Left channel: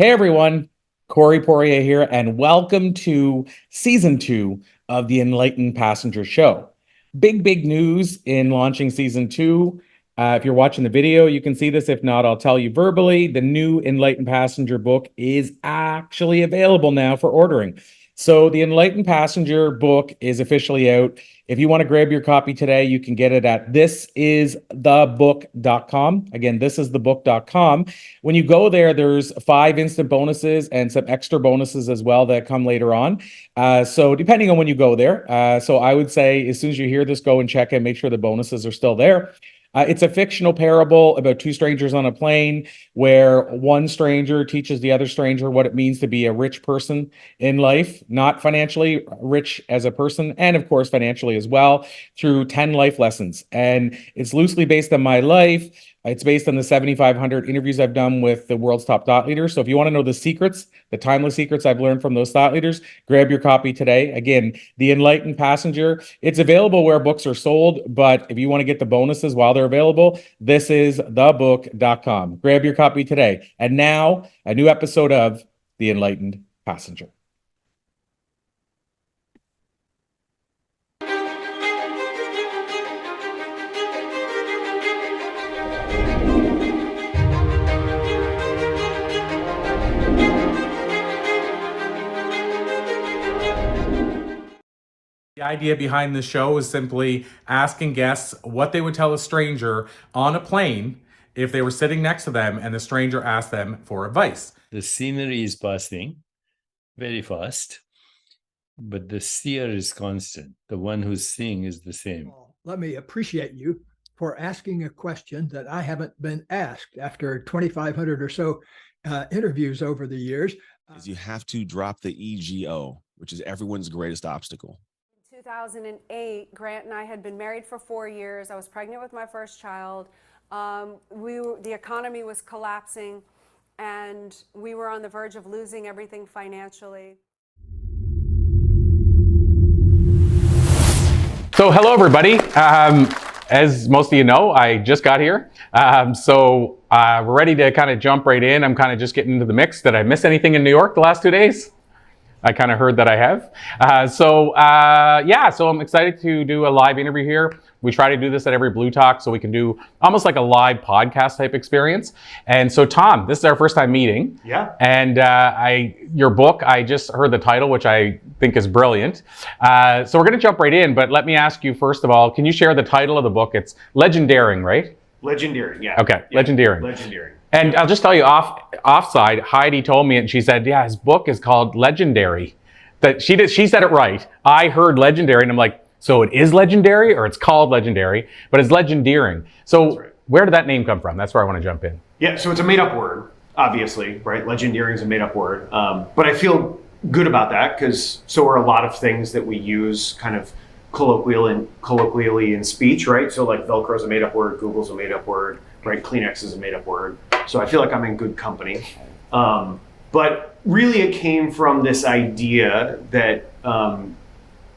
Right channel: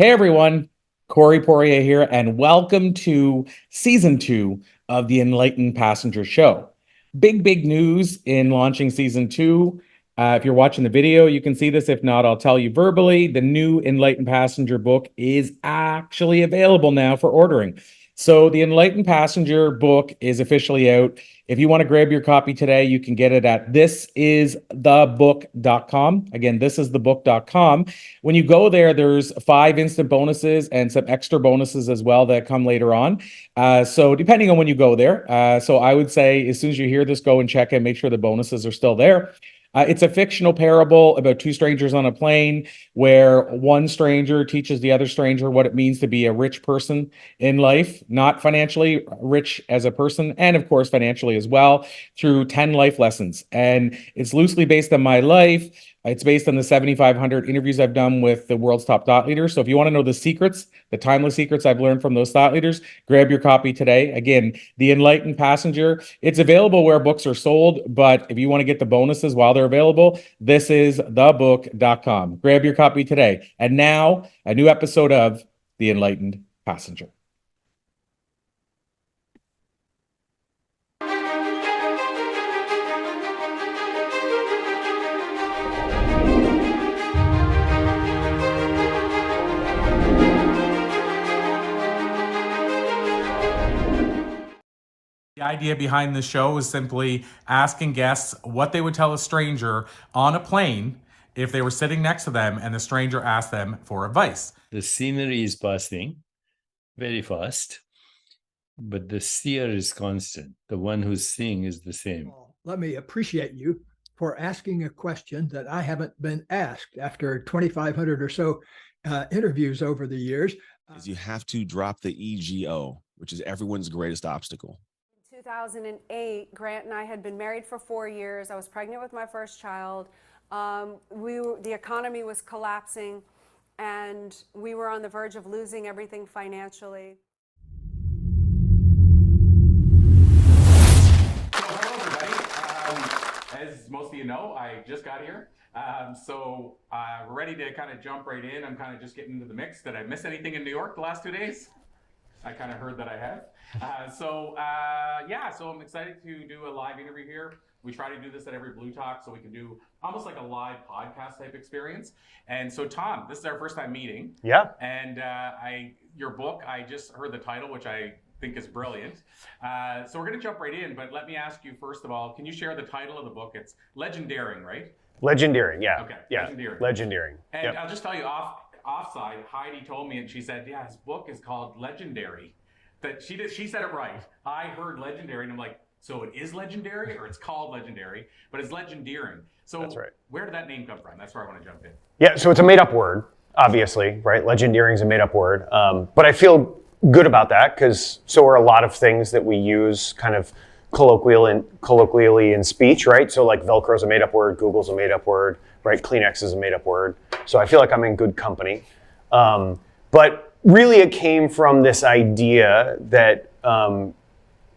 Hey everyone, Corey Poirier here, and welcome to season 2 of the Enlightened Passenger Show. Big news in launching season 2. If you're watching the video, you can see this. If not, I'll tell you verbally. The new Enlightened Passenger book is actually available now for ordering. So the Enlightened Passenger book is officially out. If you want to grab your copy today, you can get it at thisisthebook.com. Again, thisisthebook.com. When you go there, there's 5 instant bonuses and some extra bonuses as well that come later on. So depending on when you go there. So I would say as soon as you hear this, go and check and make sure the bonuses are still there. It's a fictional parable about 2 strangers on a plane where one stranger teaches the other stranger what it means to be a rich person in life, not financially rich as a person, and of course financially as well, through 10 life lessons. And it's loosely based on my life. It's based on the 7,500 interviews I've done with the world's top thought leaders. So if you want to know the secrets, the timeless secrets I've learned from those thought leaders, grab your copy today. Again, The Enlightened Passenger. It's available where books are sold, but if you want to get the bonuses while they're available, this is thebook.com. Grab your copy today. And now, a new episode of The Enlightened Passenger. The idea behind the show is simply asking guests what they would tell a stranger on a plane if they were sitting next to them and the stranger asked them for advice. The scenery is passing very fast, but the seer is constant. The one who's seeing is the same. Let me appreciate you for asking a question that I haven't been asked after 2,500 or so interviews over the years. Is you have to drop the ego, which is everyone's greatest obstacle. 2008, Grant and I had been married for 4 years. I was pregnant with my first child. The economy was collapsing, and we were on the verge of losing everything financially. So hello, everybody. As most of you know, I just got here. So we're ready to kind of jump right in. I'm kind of just getting into the mix. Did I miss anything in New York the last 2 days? I kind of heard that I have. So I'm excited to do a live interview here. We try to do this at every Blue Talk so we can do almost like a live podcast type experience. And so Tom, this is our first time meeting. Yeah. And your book, I just heard the title, which I think is brilliant. So we're going to jump right in, but let me ask you first of all, can you share the title of the book? It's Legendeering, right? Legendeering, yeah. Okay, yeah. Legendeering. Legendeering. And I'll just tell you offside, Heidi told me, and she said, yeah, his book is called Legendary. That she said it right. I heard legendary, and I'm like, so it is legendary, or it's called legendary, but it's legendeering. So right. Where did that name come from? That's where I want to jump in. Yeah, so it's a made-up word, obviously, right? Legendeering is a made-up word. But I feel good about that, because so are a lot of things that we use kind of colloquially in speech, right? So like Velcro's a made-up word, Google's a made-up word, right? Kleenex is a made-up word. So I feel like I'm in good company. But really it came from this idea that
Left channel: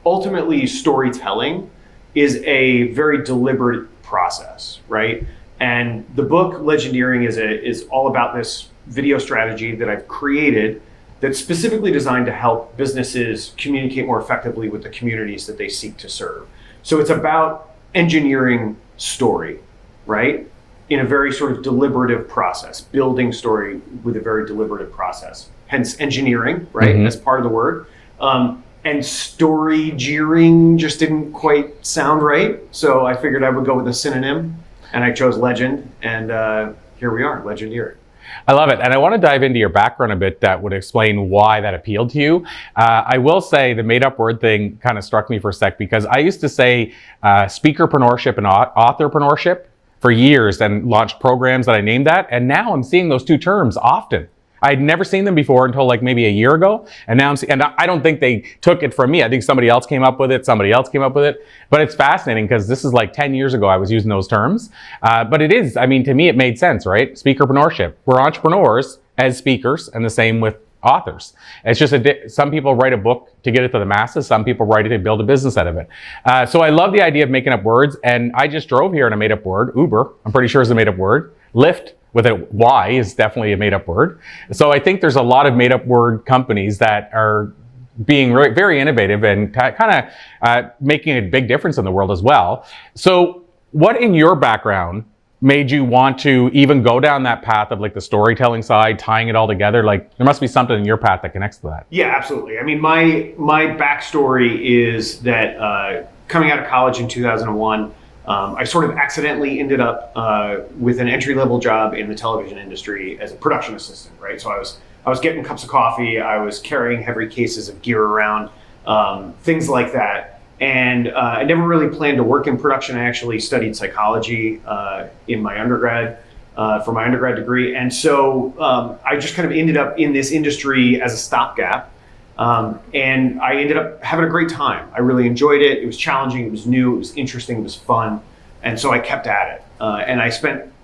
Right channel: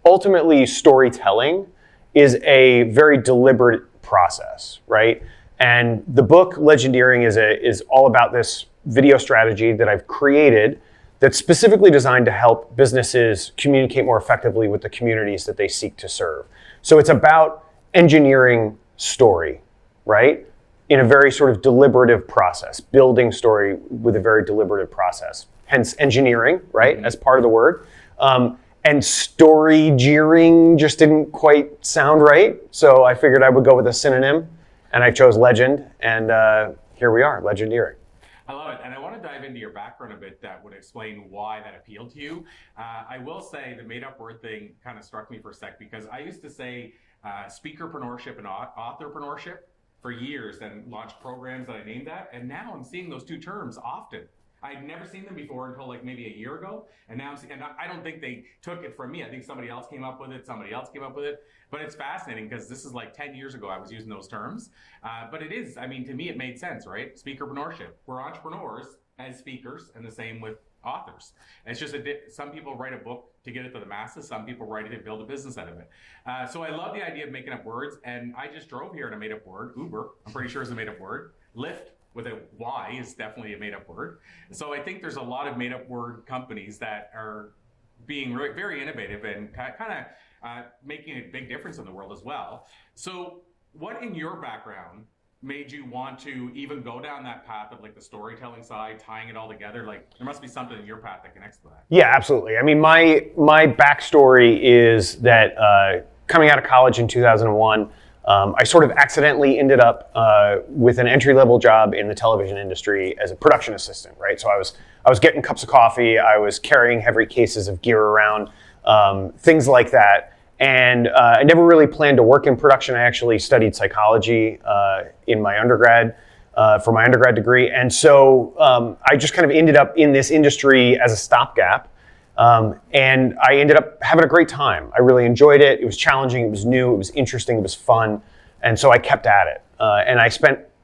ultimately storytelling is a very deliberate process, right? And the book Legendeering is all about this video strategy that I've created that's specifically designed to help businesses communicate more effectively with the communities that they seek to serve. So it's about engineering story, right? In a very sort of deliberative process, building story with a very deliberative process. Hence engineering, right, as part of the word. And story-geering just didn't quite sound right. So I figured I would go with a synonym, and I chose legend, and here we are, Legendeering. I love it. And I want to dive into your background a bit that would explain why that appealed to you. I will say the made up word thing kind of struck me for a sec, because I used to say speakerpreneurship and authorpreneurship for years and launched programs that I named that. And now I'm seeing those 2 terms often. I'd never seen them before until like maybe a year ago. And now I don't think they took it from me. I think somebody else came up with it. But it's fascinating because this is like 10 years ago I was using those terms. But it is, I mean, to me, it made sense, right? Speakerpreneurship. We're entrepreneurs as speakers, and the same with authors. It's just some people write a book to get it to the masses. Some people write it to build a business out of it. So I love the idea of making up words. And I just drove here and I made up word. Uber, I'm pretty sure is a made up word. Lyft, with a Y is definitely a made-up word. So I think there's a lot of made-up word companies that are being very innovative and kind of making a big difference in the world as well. So what in your background made you want to even go down that path of like the storytelling side, tying it all together? Like there must be something in your path that connects to that. Yeah, absolutely. I mean, my backstory is that coming out of college in 2001, I sort of accidentally ended up with an entry-level job in the television industry as a production assistant, right? So I was getting cups of coffee, I was carrying heavy cases of gear around, things like that. And I never really planned to work in production. I actually studied psychology in my undergrad, for my undergrad degree. And so I just kind of ended up in this industry as a stopgap. And I ended up having a great time. I really enjoyed it. It was challenging, it was new, it was interesting, it was fun. And so I kept at it. And I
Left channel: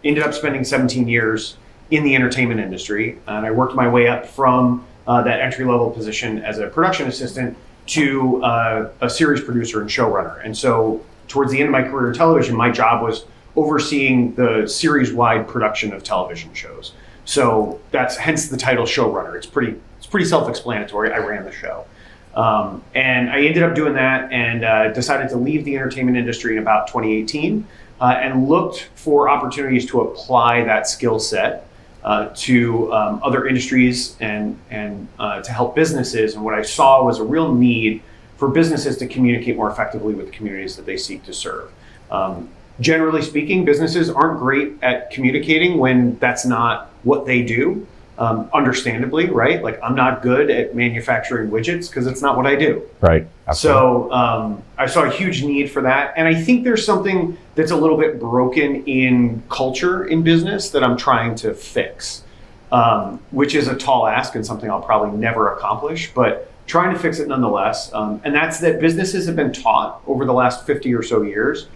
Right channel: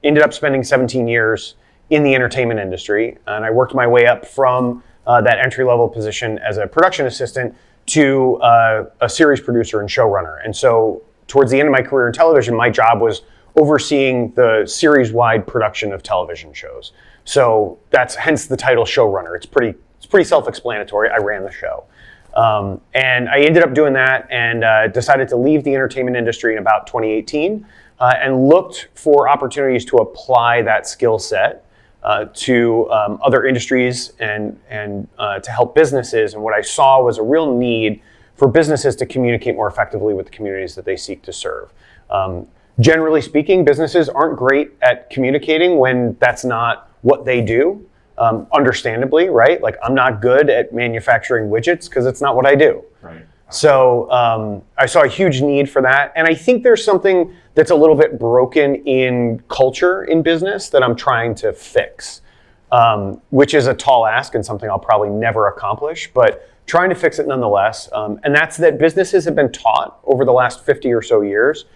ended up spending 17 years in the entertainment industry. And I worked my way up from that entry-level position as a production assistant to a series producer and showrunner. And so towards the end of my career in television, my job was overseeing the series-wide production of television shows. So that's hence the title showrunner. It's pretty self-explanatory. I ran the show. And I ended up doing that and decided to leave the entertainment industry in about 2018 and looked for opportunities to apply that skill set to other industries and to help businesses. And what I saw was a real need for businesses to communicate more effectively with the communities that they seek to serve. Generally speaking, businesses aren't great at communicating when that's not what they do. Understandably, right? Like I'm not good at manufacturing widgets because it's not what I do. Right. Absolutely. So I saw a huge need for that. And I think there's something that's a little bit broken in culture in business that I'm trying to fix, which is a tall ask and something I'll probably never accomplish, but trying to fix it nonetheless. And that's that businesses have been taught over the last 50 or so years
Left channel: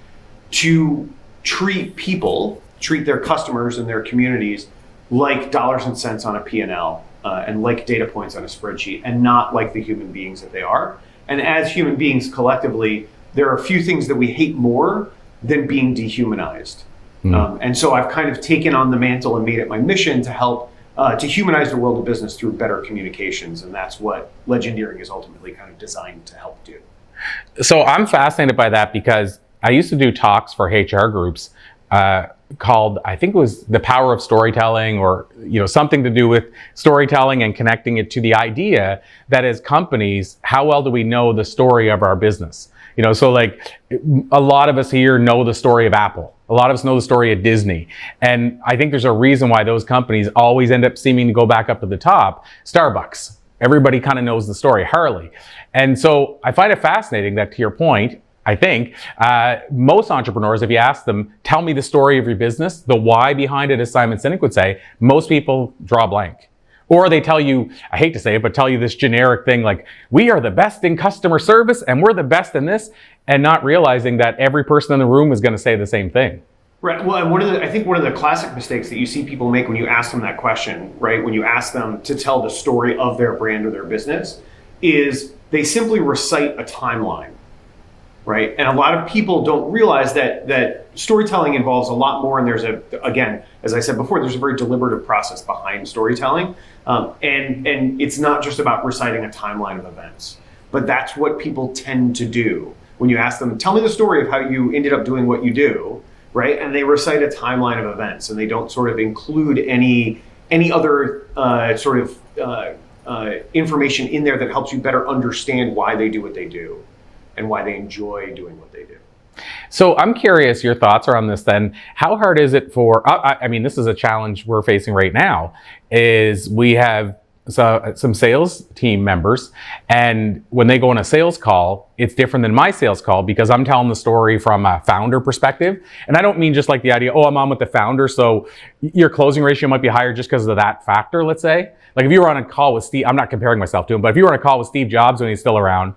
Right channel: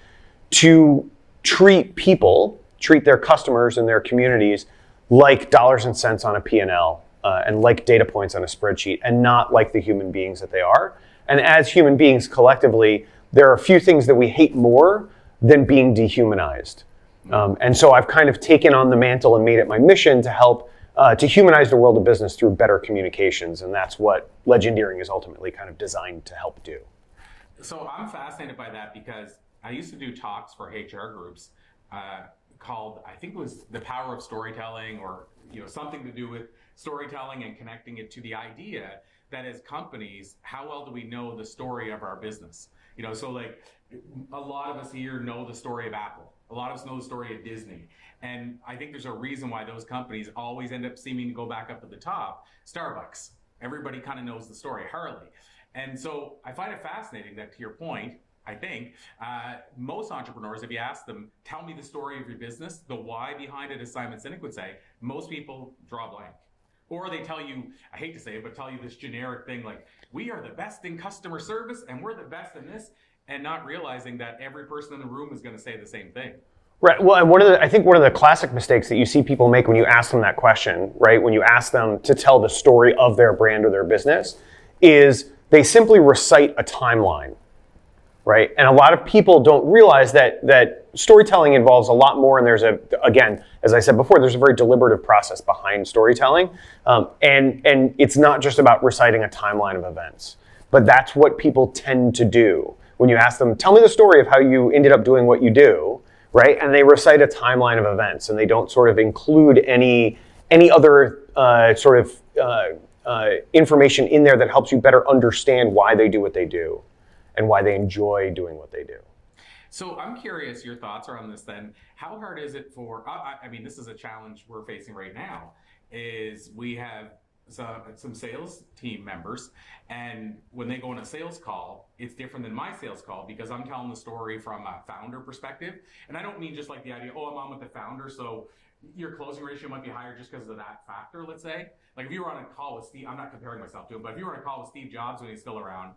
to treat their customers and their communities like dollars and cents on a P&L and like data points on a spreadsheet and not like the human beings that they are. And as human beings collectively, there are a few things that we hate more than being dehumanized. And so I've kind of taken on the mantle and made it my mission to help to humanize the world of business through better communications. And that's what Legendeering is ultimately kind of designed to help do. So I'm fascinated by that because I used to do talks for HR groups called, I think it was The Power of Storytelling, or something to do with storytelling and connecting it to the idea that as companies, how well do we know the story of our business? So like a lot of us here know the story of Apple. A lot of us know the story of Disney. And I think there's a reason why those companies always end up seeming to go back up to the top. Starbucks, everybody kind of knows the story. Harley. And so I find it fascinating that, to your point, I think most entrepreneurs, if you ask them, tell me the story of your business, the why behind it, as Simon Sinek would say, most people draw blank. Or they tell you, I hate to say it, but tell you this generic thing like, we are the best in customer service and we're the best in this, and not realizing that every person in the room is going to say the same thing. Right. Well, and I think one of the classic mistakes that you see people make when you ask them that question, right, when you ask them to tell the story of their brand or their business, is they simply recite a timeline. Right. And a lot of people don't realize that storytelling involves a lot more. And there's again, as I said before, there's a very deliberative process behind storytelling. And it's not just about reciting a timeline of events, but that's what people tend to do. When you ask them, tell me the story of how you ended up doing what you do, right? And they recite a timeline of events and they don't sort of include any other information in there that helps you better understand why they do what they do and why they enjoy doing what they do. So I'm curious your thoughts are on this then. How hard is it for, I mean, this is a challenge we're facing right now, is we have some sales team members, and when they go on a sales call, it's different than my sales call because I'm telling the story from a founder perspective. And I don't mean just like the idea, I'm on with the founder, so your closing ratio might be higher just because of that factor, let's say. Like if you were on a call with Steve, I'm not comparing myself to him, but if you were on a call with Steve Jobs when he's still around,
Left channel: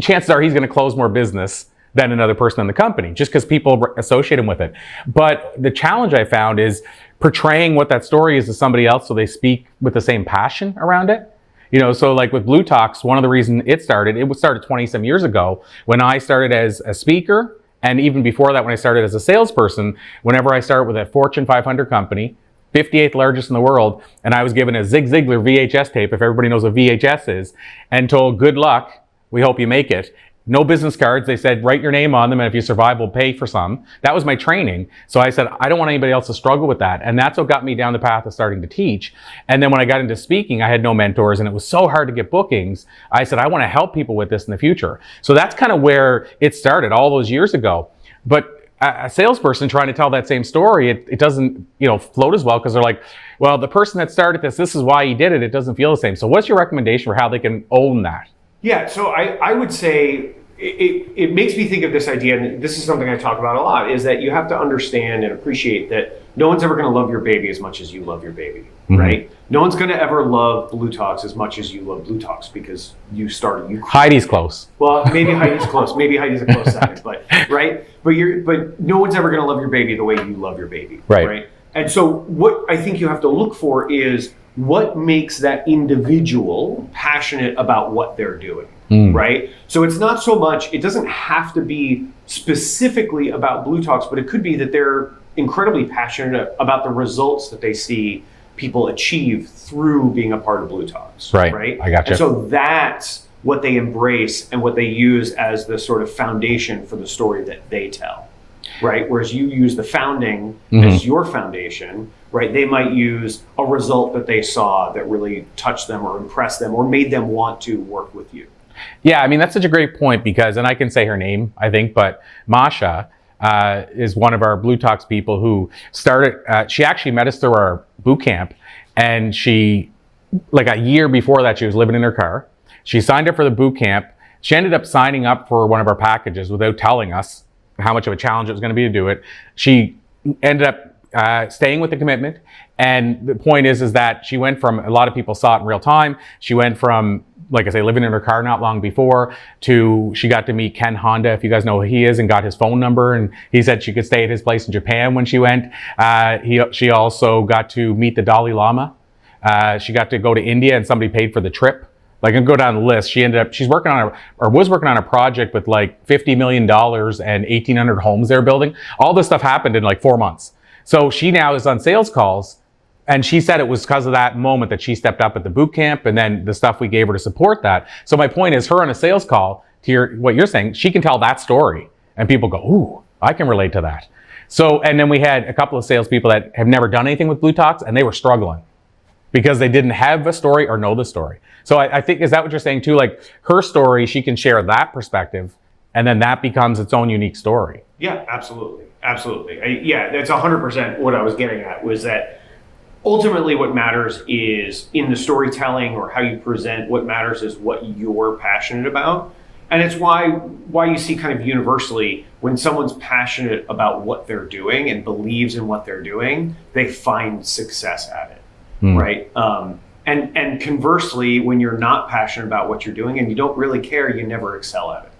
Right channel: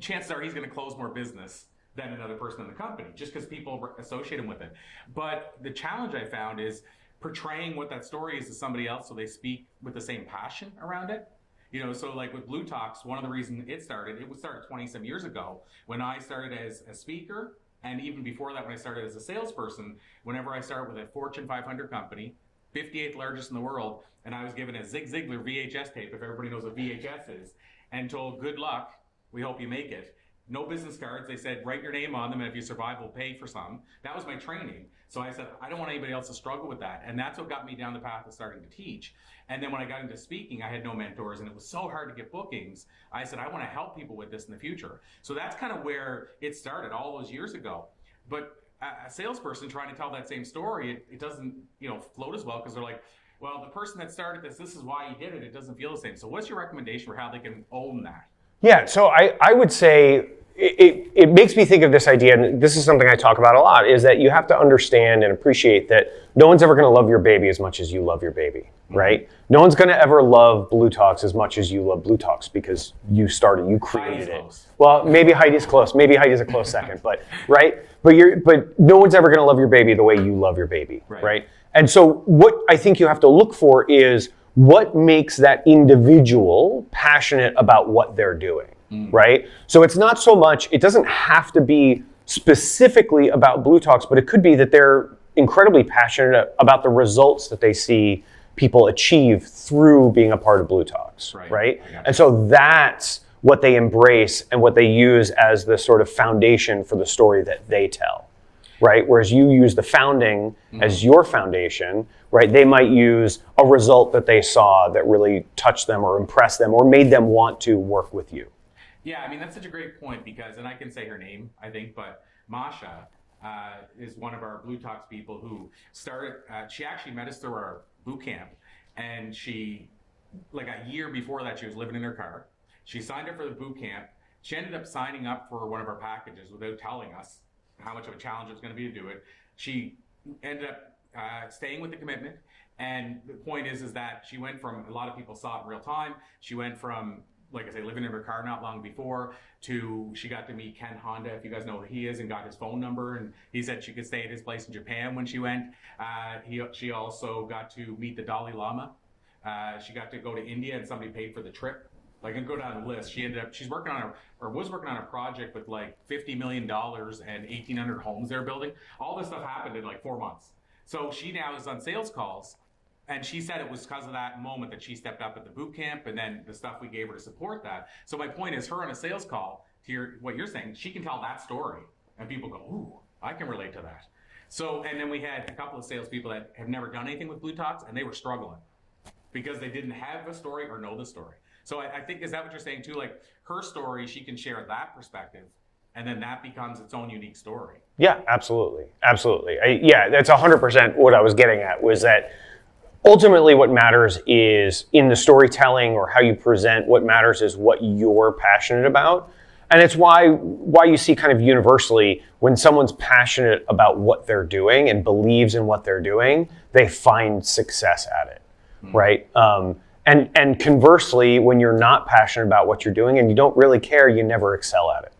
chances are he's going to close more business than another person in the company, just because people associate him with it. But the challenge I found is portraying what that story is to somebody else so they speak with the same passion around it. So like with Blue Talks, one of the reasons it started 20 some years ago when I started as a speaker. And even before that, when I started as a salesperson, whenever I start with a Fortune 500 company, 58th largest in the world, and I was given a Zig Ziglar VHS tape, if everybody knows what VHS is, and told, good luck, we hope you make it. No business cards. They said, write your name on them, and if you survive, we'll pay for some. That was my training. So I said, I don't want anybody else to struggle with that. And that's what got me down the path of starting to teach. And then when I got into speaking, I had no mentors, and it was so hard to get bookings. I said, I want to help people with this in the future. So that's kind of where it started all those years ago. But a salesperson trying to tell that same story, it doesn't, float as well, because they're like, well, the person that started this is why he did it. It doesn't feel the same. So what's your recommendation for how they can own that? Yeah, so I would say it makes me think of this idea, and this is something I talk about a lot, is that you have to understand and appreciate that no one's ever going to love your baby as much as you love your baby, right? No one's going to ever love Blue Talks as much as you love Blue Talks, because you started. Heidi's close. Well, maybe Heidi's close. Maybe Heidi's a close second, but right. But no one's ever going to love your baby the way you love your baby, right? And so what I think you have to look for is what makes that individual passionate about what they're doing, right? So it's not so much, it doesn't have to be specifically about Blue Talks, but it could be that they're incredibly passionate about the results that they see people achieve through being a part of Blue Talks, right? I gotcha. And so that's what they embrace and what they use as the sort of foundation for the story that they tell, right? Whereas you use the founding as your foundation, right? They might use a result that they saw that really touched them or impressed them or made them want to work with you. Yeah, I mean, that's such a great point, because, and I can say her name, I think, but Masha is one of our Blue Talks people who started, she actually met us through our boot camp, and she, like a year before that, she was living in her car. She signed up for the boot camp. She ended up signing up for one of our packages without telling us how much of a challenge it was going to be to do it. She ended up staying with the commitment. And the point is that she went from, a lot of people saw it in real time. She went from, like I say, living in her car not long before, to she got to meet Ken Honda, if you guys know who he is, and got his phone number. And he said she could stay at his place in Japan when she went. She also got to meet the Dalai Lama. She got to go to India, and somebody paid for the trip. Like, I can go down the list. She's working on was working on a project with like $50 million and 1,800 homes they're building. All this stuff happened in like 4 months. So she now is on sales calls, and she said it was because of that moment that she stepped up at the boot camp, and then the stuff we gave her to support that. So my point is, her on a sales call, to what you're saying, she can tell that story, and people go, ooh, I can relate to that. So, and then we had a couple of salespeople that have never done anything with Blue Talks, and they were struggling because they didn't have a story or know the story. So I think, is that what you're saying too? Like, her story, she can share that perspective, and then that becomes its own unique story. Yeah, absolutely. Absolutely. That's 100% what I was getting at, was that ultimately what matters is in the storytelling or how you present, what matters is what you're passionate about. And it's why you see kind of universally, when someone's passionate about what they're doing and believes in what they're doing, they find success at it, right? And conversely, when you're not passionate about what you're doing and you don't really care, you never excel at it.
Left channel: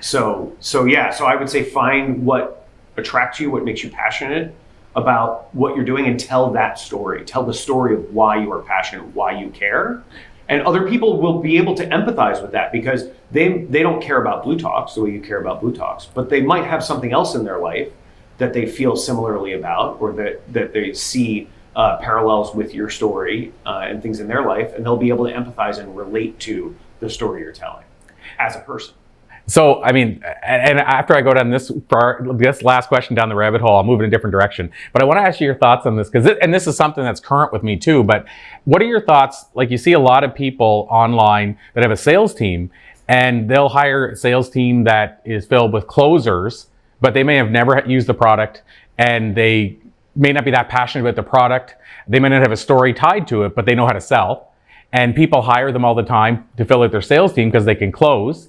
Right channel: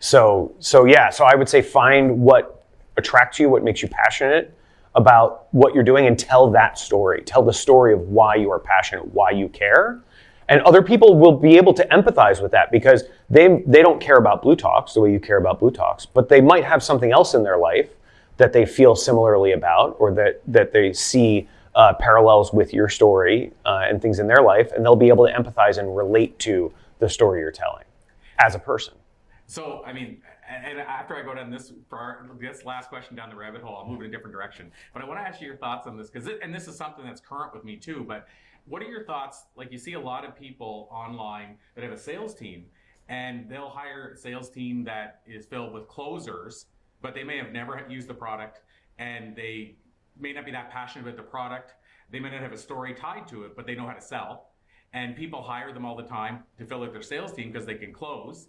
So I would say find what attracts you, what makes you passionate about what you're doing, and tell that story. Tell the story of why you are passionate, why you care. And other people will be able to empathize with that, because they don't care about Blue Talks the way you care about Blue Talks, but they might have something else in their life that they feel similarly about, or that they see parallels with your story and things in their life, and they'll be able to empathize and relate to the story you're telling as a person. So, I mean, and after I go down this last question down the rabbit hole, I'll move in a different direction. But I want to ask you your thoughts on this, and this is something that's current with me too. But what are your thoughts? Like, you see a lot of people online that have a sales team, and they'll hire a sales team that is filled with closers, but they may have never used the product, and they may not be that passionate about the product. They may not have a story tied to it, but they know how to sell. And people hire them all the time to fill out their sales team because they can close.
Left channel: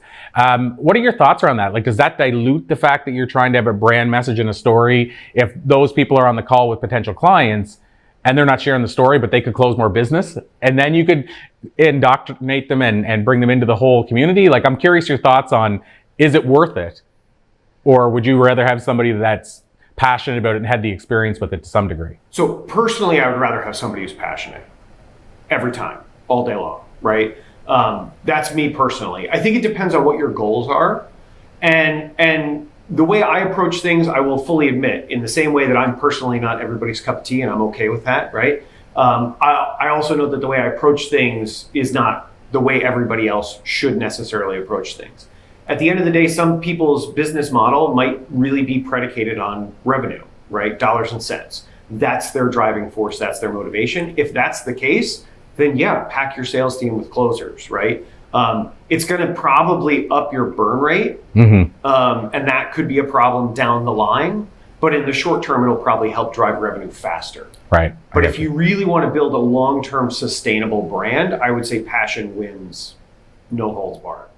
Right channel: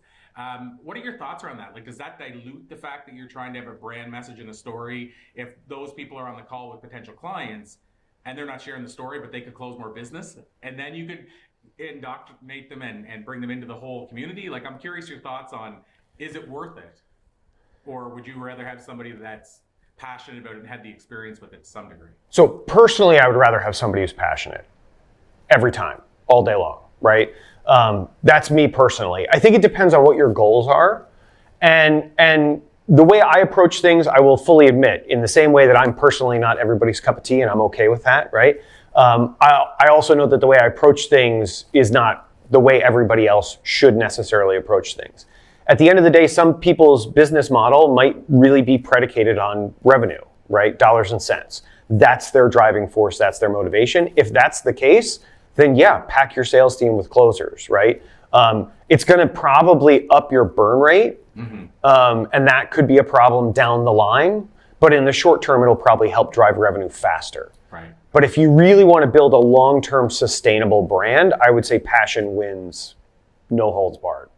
What are your thoughts around that? Like, does that dilute the fact that you're trying to have a brand message and a story if those people are on the call with potential clients and they're not sharing the story, but they could close more business? And then you could indoctrinate them and bring them into the whole community. Like, I'm curious your thoughts on, is it worth it? Or would you rather have somebody that's passionate about it and had the experience with it to some degree? So personally, I would rather have somebody who's passionate every time, all day long, right? That's me personally. I think it depends on what your goals are. And the way I approach things, I will fully admit, in the same way that I'm personally not everybody's cup of tea, and I'm okay with that, right? I also know that the way I approach things is not the way everybody else should necessarily approach things. At the end of the day, some people's business model might really be predicated on revenue, right? Dollars and cents. That's their driving force, that's their motivation. If that's the case, then yeah, pack your sales team with closers, right? It's going to probably up your burn rate, and that could be a problem down the line. But in the short term, it'll probably help drive revenue faster. Right. But if you really want to build a long-term sustainable brand, I would say passion wins, no holds barred.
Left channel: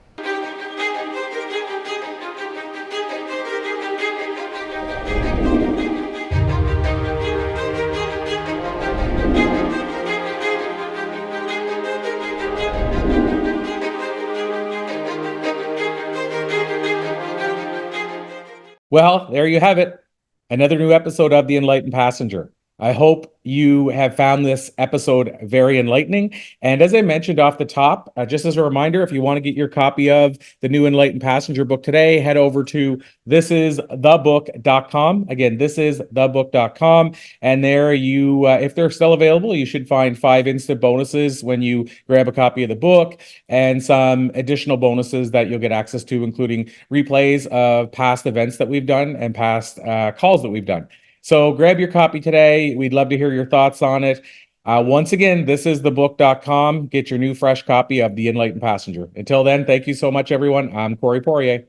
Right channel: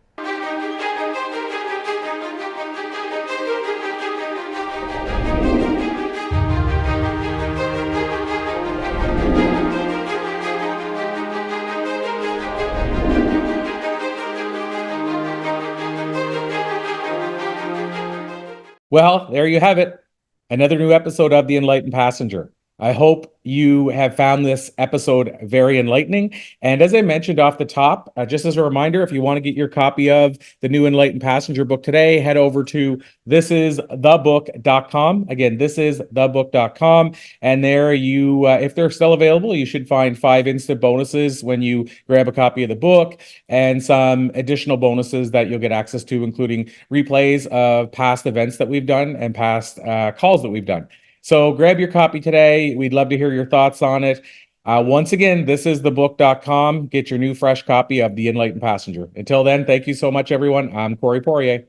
Well, there you have it. Another new episode of The Enlightened Passenger. I hope you have found this episode very enlightening. And as I mentioned off the top, just as a reminder, if you want to get your copy of the new Enlightened Passenger book today, head over to thisisthebook.com. Again, thisisthebook.com. And there you, if they're still available, you should find 5 instant bonuses when you grab a copy of the book, and some additional bonuses that you'll get access to, including replays of past events that we've done and past calls that we've done. So grab your copy today. We'd love to hear your thoughts on it. Once again, thisisthebook.com. Get your new fresh copy of The Enlightened Passenger. Until then, thank you so much, everyone. I'm Corey Poirier.